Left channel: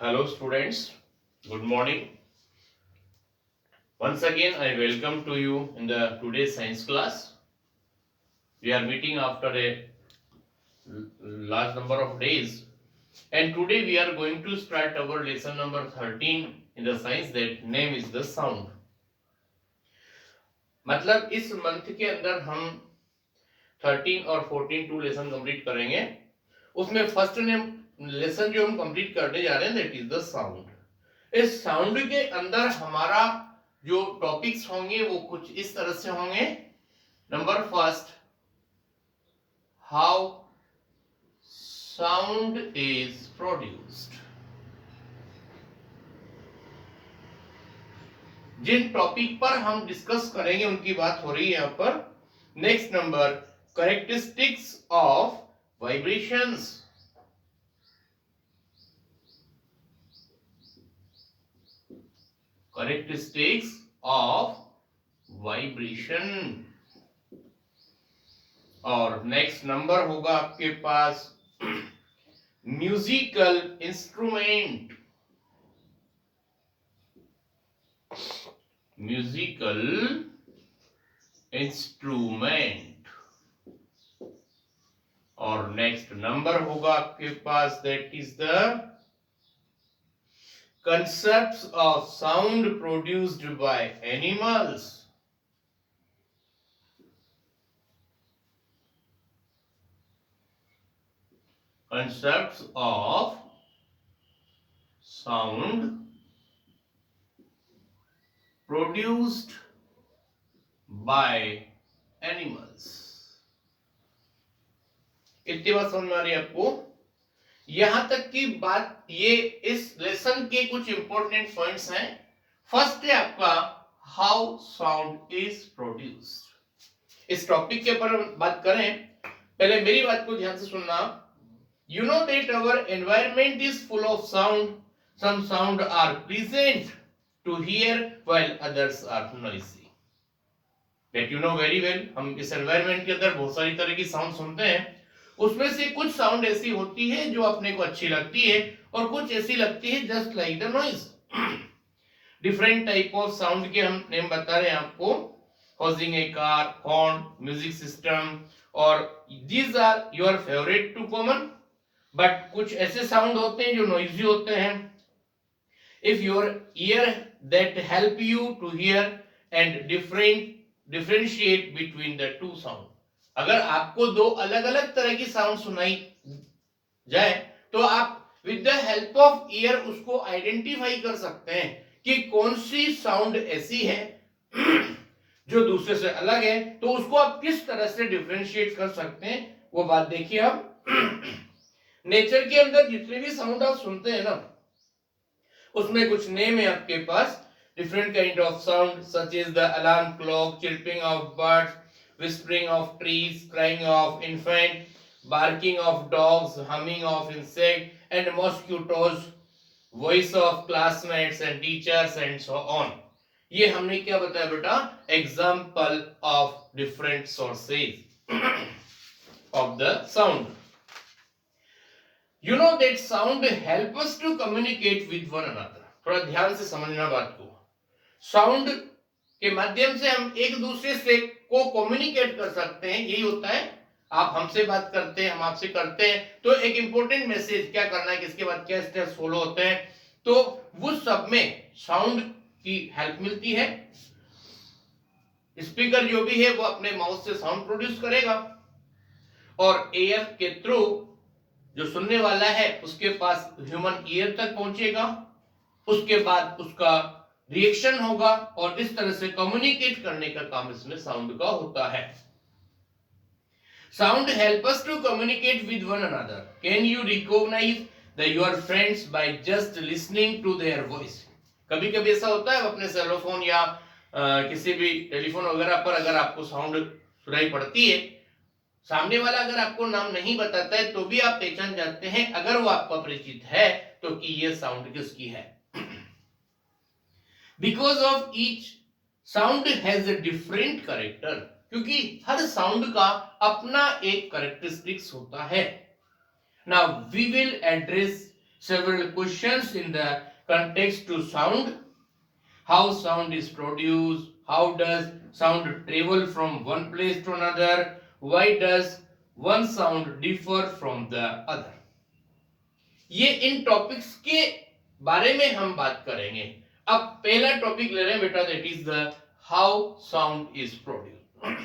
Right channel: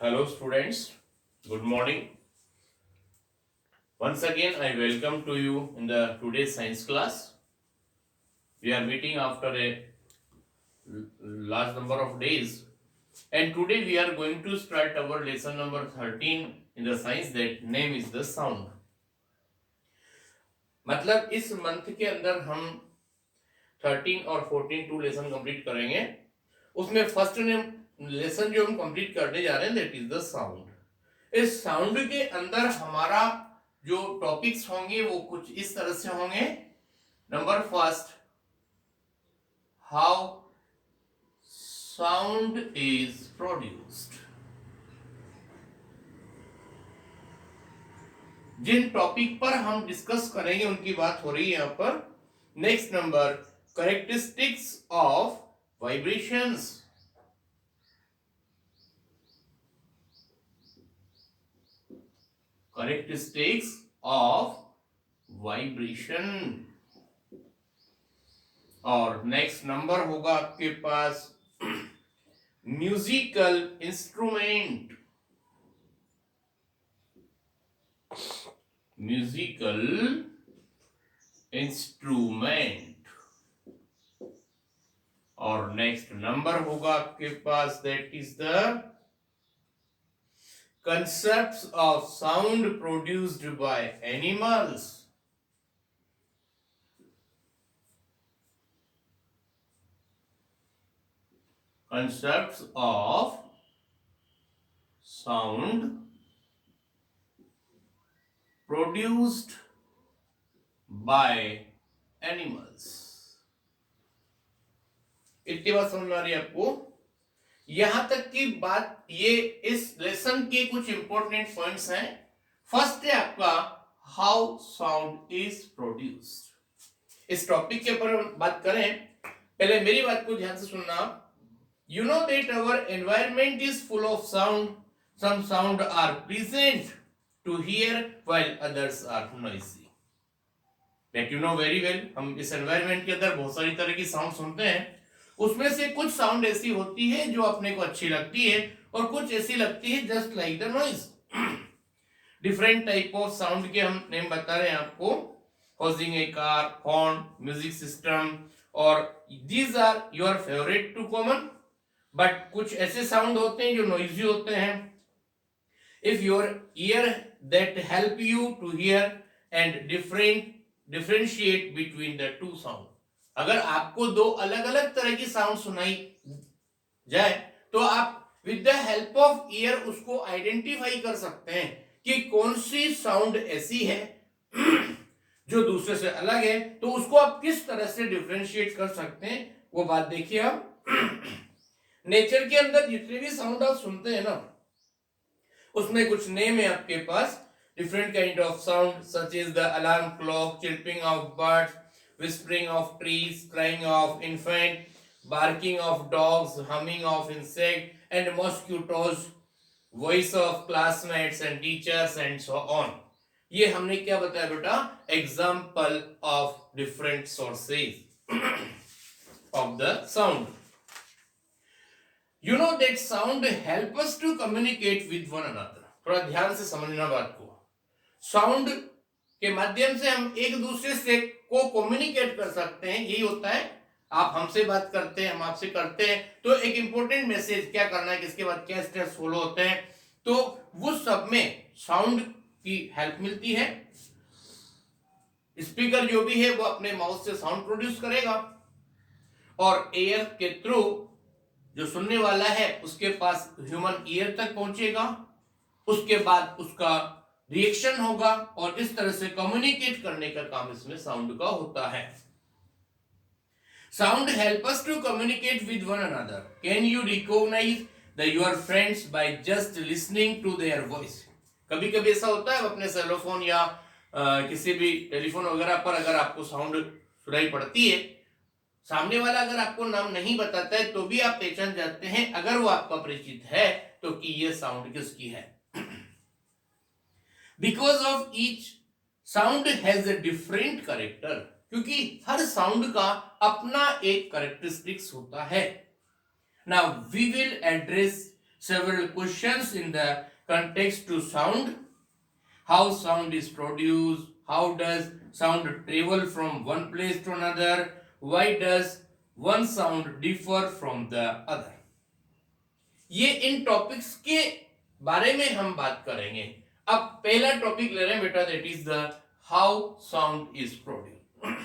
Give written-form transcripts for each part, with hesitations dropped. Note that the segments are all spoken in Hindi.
Hello students, good morning. Once again I welcome to you in the today's science class. We are meeting after a large number of days and today we are going to start our lesson number 13 in the science that name is the sound. मतलब इस मंथ के अंदर हम 13 और 14 टू लेसन कंप्लीट करेंगे. उसमें फर्स्ट लेसन जो हम कंप्लीट करने जा रहे हैं दैट इज द साउंड. इस साउंड के अंदर हमारा जो टॉपिक्स होंगे वो कुछ इस तरह से होंगे. Number first, how sound is produced. जिन टॉपिक पर हम डिस्कस करेंगे उनकी बात हो रही है यहां पर. Next number, characteristics of vibrations. Characteristics of vibration. और नेक्स्ट नंबर होगा आपके पास म्यूजिकल इंस्ट्रूमेंट. Musical instrument. और नेक्स्ट नंबर होगा आपके पास that is the concepts of sound produced by animals. Concepts of sound produced by animals. इतनी बात समझ में आ रही है आपको? यहां तक की बात, ये इस लेसन के कुछ इंपॉर्टेंट पॉइंट्स हैं. फर्स्ट है आपका हाउ साउंड इज प्रोड्यूस्ड. इस टॉपिक के ऊपर बात करें, पहले मेरी बात को ध्यान से सुनना. You know that our environment is full of sound. Some sound are pleasant to hear while others are noisy. That you know very well. हम इस एनवायरनमेंट के अंदर बहुत सारी तरह की साउंड सुनते हैं. उसमें से कुछ साउंड ऐसी होती है जो अपने को अच्छी लगती है और कुछ ऐसी लगती है just like the noise. Different type of sound के हम नेम बता रहे हैं आपको. हॉजिंग a car, horn, music system, और these are your favourite too common. But कुछ ऐसे साउंड होते हैं जो नॉइजी होते हैं. If your ear that help you to hear and differentiate between the two sound. अगर आपको दो अलग अलग तरह की साउंड सुनाई जाए तो आप with the help of year उसको आइडेंटिफाई कर सकते हैं कि कौन सी साउंड ऐसी है जो दूसरे से अलग है. तो उसको आप किस तरह से डिफरेंशिएट कर सकते हैं वो बात देखिए. हम नेचर के अंदर जितने भी साउंड आप सुनते हैं ना, उसमें कुछ नेम है आपके पास. Different kind of sound such is the alarm clock, chirping of birds, whispering of trees, crying of infant, barking of dogs, humming of insect and mosquitoes, voice of classmates and teachers and so on. ये हमने क्या बताया बेटा? Example of different sources of the sound. You know that sound help us to communicate with one another. थोड़ा ध्यान से समझना बात को. साउंड के माध्यम से हम एक दूसरे से को कम्युनिकेट कर सकते हैं. यही होता है. आप हमसे बात करते हैं, हम आपसे करते हैं, तो एक इंपॉर्टेंट मैसेज क्या करना है, किसके बाद क्या स्टेप्स फॉलो होते हैं, तो वो सब में साउंड की हेल्प मिलती है. स्पीकर जो भी है वो अपने माउथ से साउंड प्रोड्यूस करेगा और एयर के थ्रू जो सुनने वाला है उसके पास ह्यूमन ईयर तक पहुंचेगा. उसके बाद उसका रिएक्शन होगा और इस तरह से कम्युनिकेट करने का काम इसमें साउंड का होता है. Sound help us to communicate with one another. Can you recognise the your friends by just listening to their voice. कभी कभी ऐसा होता है अपने सेलोफोन या किसी भी टेलीफोन वगैरह पर अगर आपको साउंड सुनाई पड़ती है, सामने वाला अगर आपको नाम नहीं बताता है तो भी आप पहचान जाते हैं अगर वो आपका परिचित है तो कि ये साउंड किसकी है. Because of each sound has a different character. क्योंकि हर साउंड का अपना एक कैरेक्टरिस्टिक्स होता है. Now we will address several questions in the context to sound. How sound is produced, how does sound travel from one place to another, why does one sound differ from the other. ये इन टॉपिक्स के बारे में हम बात करेंगे. अब पहला टॉपिक ले रहे हैं बेटा, that is the how sound is produced.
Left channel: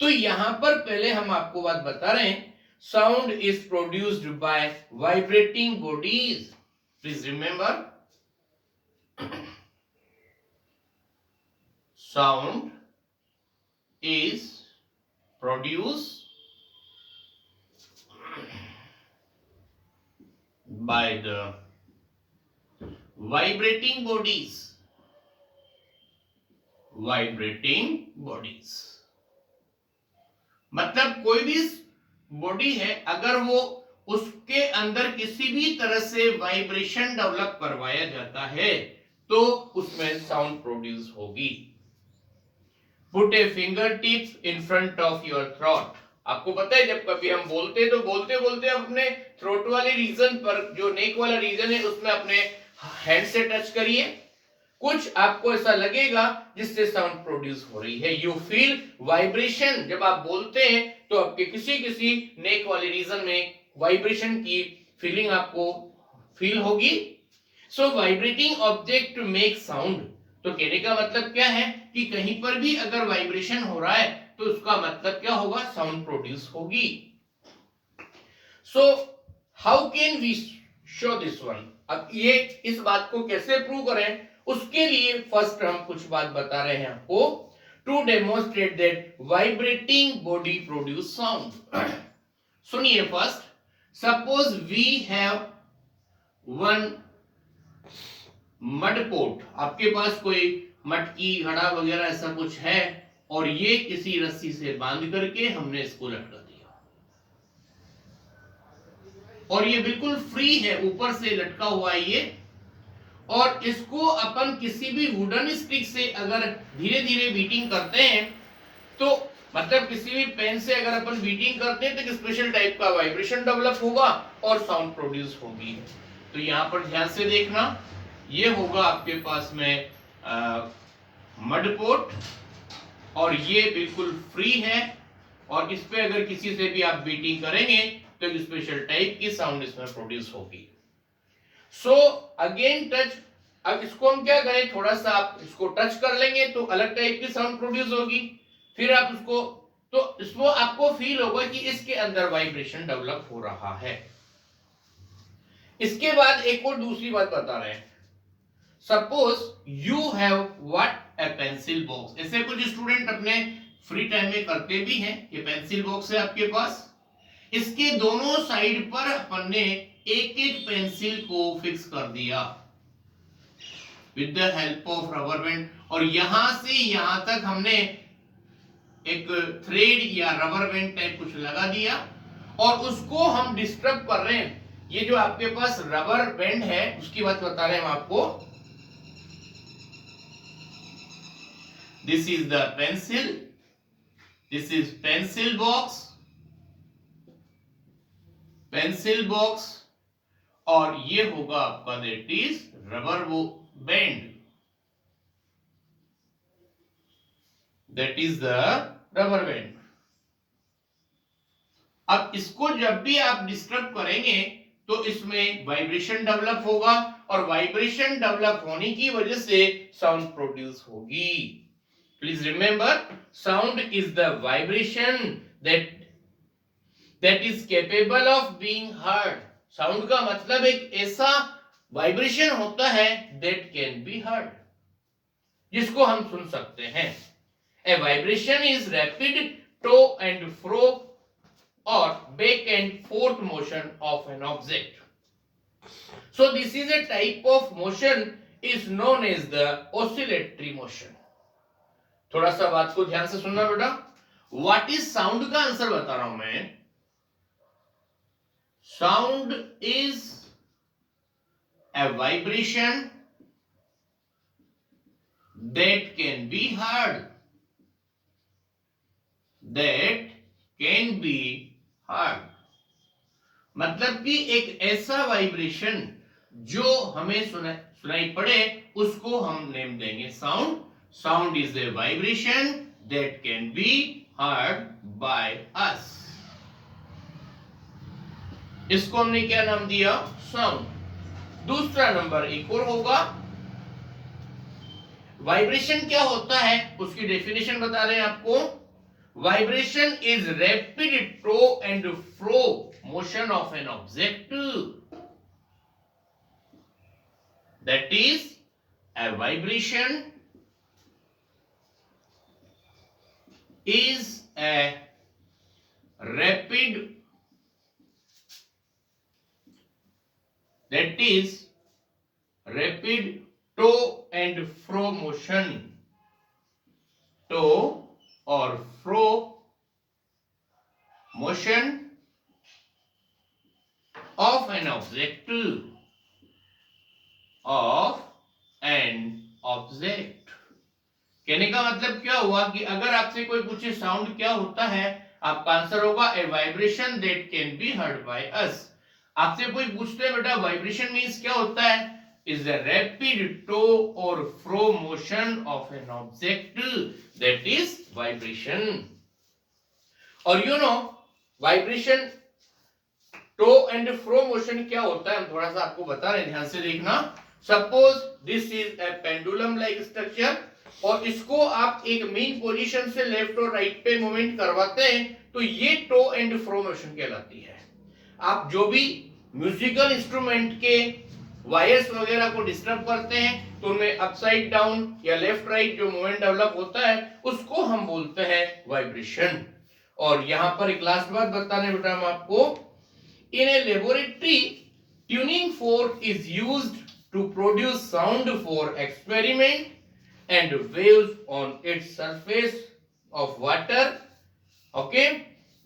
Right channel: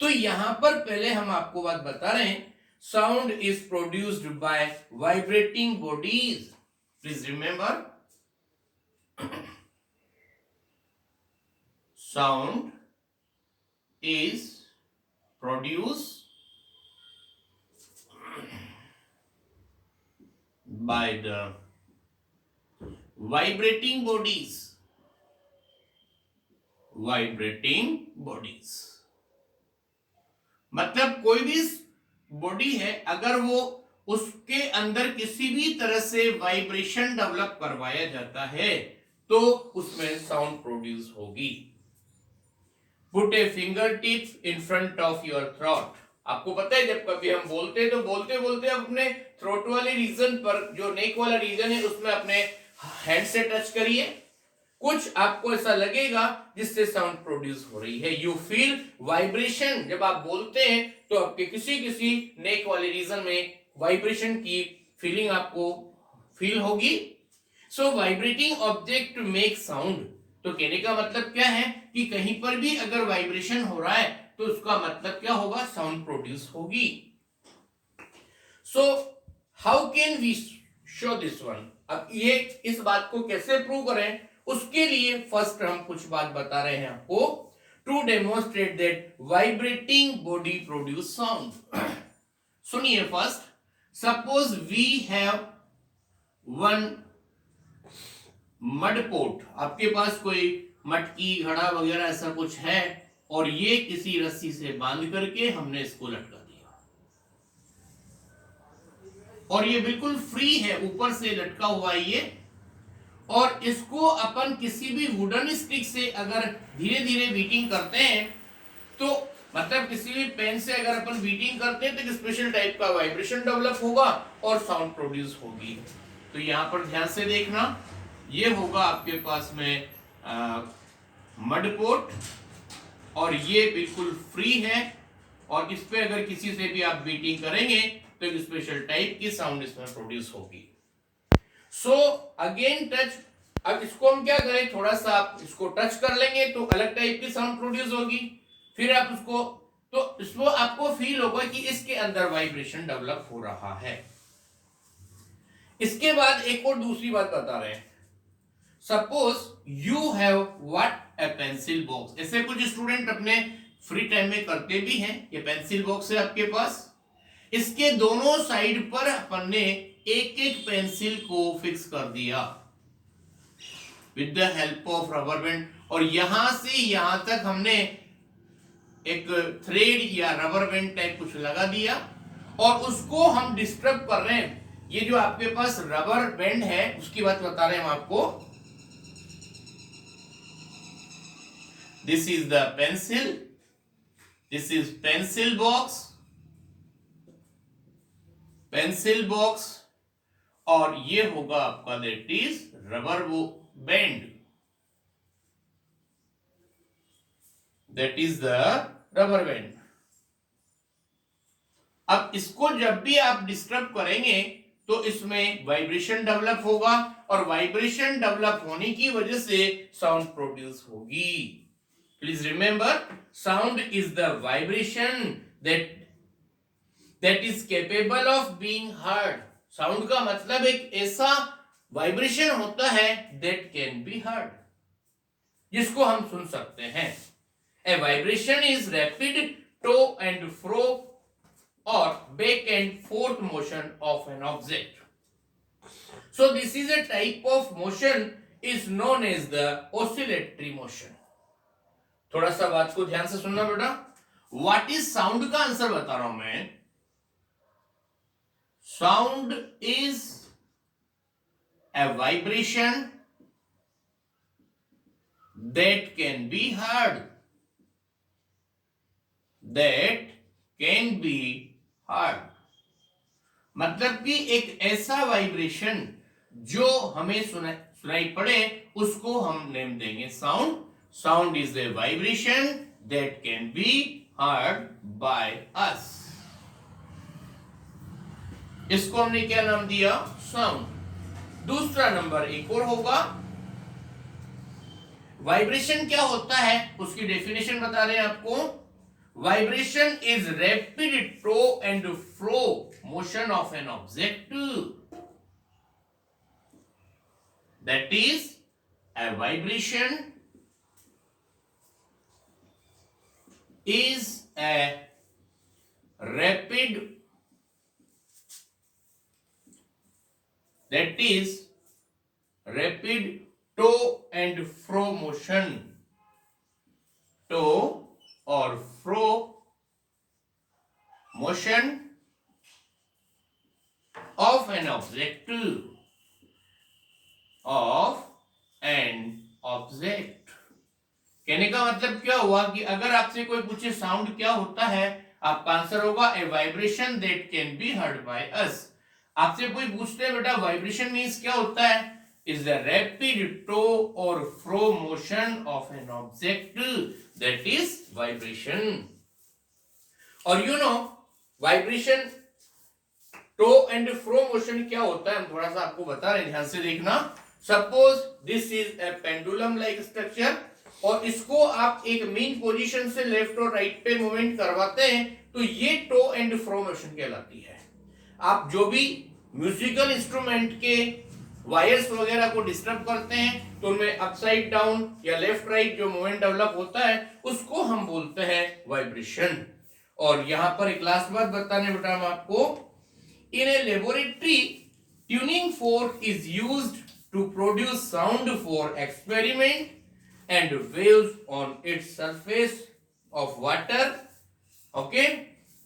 तो यहां पर पहले हम आपको बात बता रहे हैं, sound is produced by vibrating bodies. Please remember, sound is produced by the vibrating bodies. Vibrating bodies मतलब कोई भी बॉडी है, अगर वो उसके अंदर किसी भी तरह से वाइब्रेशन डेवलप करवाया जाता है तो उसमें साउंड प्रोड्यूस होगी. Put a fingertips in front of your throat. आपको पता है जब कभी हम बोलते हैं तो बोलते बोलते अपने थ्रोट वाले रीजन पर, जो नेक वाला रीजन है, उसमें अपने हैंड से टच करिए. कुछ आपको ऐसा लगेगा जिससे साउंड प्रोड्यूस हो रही है. You feel vibration. जब आप बोलते हैं तो आपके किसी किसी नेक वाले रीजन में वाइब्रेशन की फीलिंग आपको फील होगी. सो वाइब्रेटिंग ऑब्जेक्ट मेक साउंड. तो कहने का मतलब क्या है कि कहीं पर भी अगर वाइब्रेशन हो रहा है तो उसका मतलब क्या होगा, साउंड प्रोड्यूस होगी. So how can we show this one. अब ये इस बात को कैसे प्रूव करें, उसके लिए फर्स्ट हम कुछ बात बता रहे हैं आपको. To demonstrate that vibrating body produce sound. सुनिए first, suppose we have one mud pot. आपके पास कोई मटकी, घड़ा वगैरह ऐसा कुछ है और ये किसी रस्सी से बांध करके हमने इसको लटका दिया और ये बिल्कुल फ्री है, ऊपर से लटका हुआ है ये. और इसको अपन किसी भी वुडन स्टिक से अगर धीरे धीरे बीटिंग करते हैं तो मतलब किसी भी पेन से अगर अपन बीटिंग करते हैं तो एक स्पेशल टाइप का वाइब्रेशन डेवलप होगा और साउंड प्रोड्यूस होगी. तो यहां पर ध्यान से देखना, ये होगा आपके पास में मड पोट और ये बिल्कुल फ्री है और इस पे अगर किसी से भी आप बीटिंग करेंगे तो एक स्पेशल टाइप की साउंड इसमें प्रोड्यूस होगी. So again touch. अब इसको हम क्या करें, थोड़ा सा आप इसको टच कर लेंगे तो अलग टाइप की साउंड प्रोड्यूस होगी. फिर आप उसको, तो इसको आपको फील होगा कि इसके अंदर वाइब्रेशन डेवलप हो रहा है. इसके बाद एक और दूसरी बात बता रहे हैं. Suppose you have what A pencil box. ऐसे कुछ स्टूडेंट अपने फ्री टाइम में करते भी हैं. ये पेंसिल बॉक्स है आपके पास, इसके दोनों साइड पर अपन ने एक एक पेंसिल को फिक्स कर दिया with the help of rubber band. और यहां से यहां तक हमने एक थ्रेड या रबर बैंड टाइप कुछ लगा दिया और उसको हम डिस्टर्ब कर रहे हैं. ये जो आपके पास रबर बैंड है उसकी बात बता रहे हैं हम आपको. This is the pencil, this is pencil box, pencil box और ये होगा आपका that is rubber band, that is the rubber band. अब इसको जब भी आप डिस्टर्ब करेंगे तो इसमें वाइब्रेशन डेवलप होगा और वाइब्रेशन डेवलप होने की वजह से साउंड प्रोड्यूस होगी. Please remember, sound is the vibration that is capable of being heard. Sound का मतलब एक ऐसा वाइब्रेशन होता है दैट कैन बी हर्ड, जिसको हम सुन सकते हैं. A vibration is rapid to and fro or back and forth motion of an object. So this is a type of motion is known as the oscillatory motion. थोड़ा सा बात को ध्यान से सुनना बेटा. What is sound का आंसर बता रहा हूं मैं. Sound is a vibration that can be heard. That can be heard. मतलब कि एक ऐसा वाइब्रेशन जो हमें सुनाई पड़े उसको हम नेम देंगे sound. Sound is a vibration that can be heard by us. इसको हमने क्या नाम दिया? साउंड. दूसरा नंबर एक और होगा. वाइब्रेशन क्या होता है उसकी डेफिनेशन बता रहे हैं आपको. Vibration is rapid to and fro motion of an object. That is a vibration is a rapid, that is rapid to and fro motion. To or fro motion of an object, of an object. कहने का मतलब क्या हुआ कि अगर आपसे कोई पूछे साउंड क्या होता है, आपका आंसर होगा a vibration that can be heard by us. आपसे कोई पूछते हैं बेटा वाइब्रेशन मींस क्या होता है, इज द रैपिड टो और fro motion of an object, that is vibration. और you know vibration to and fro motion क्या होता है, हम थोड़ा सा आपको बता रहे हैं, ध्यान से देखना. Suppose this is a pendulum like structure और इसको आप एक मेन पोजीशन से लेफ्ट और राइट पे मूवमेंट करवाते हैं तो ये टो एंड फ्रो मोशन कहलाती है. आप जो भी म्यूजिकल इंस्ट्रूमेंट के वायर्स वगैरह को डिस्टर्ब करते हैं तो उनमें अपसाइड डाउन या लेफ्ट राइट जो मूवमेंट डेवलप होता है उसको हम बोलते हैं वाइब्रेशन. और यहां पर एक लास्ट बात बताने बेटा हम आपको, in a laboratory tuning fork is used to produce sound for experiment and waves on its surface of water. Okay,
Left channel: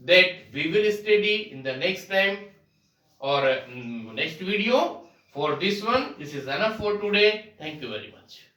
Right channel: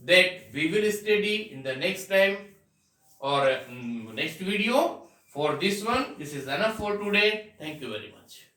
that we will study in the next time or next video. For this one, this is enough for today. Thank you very much.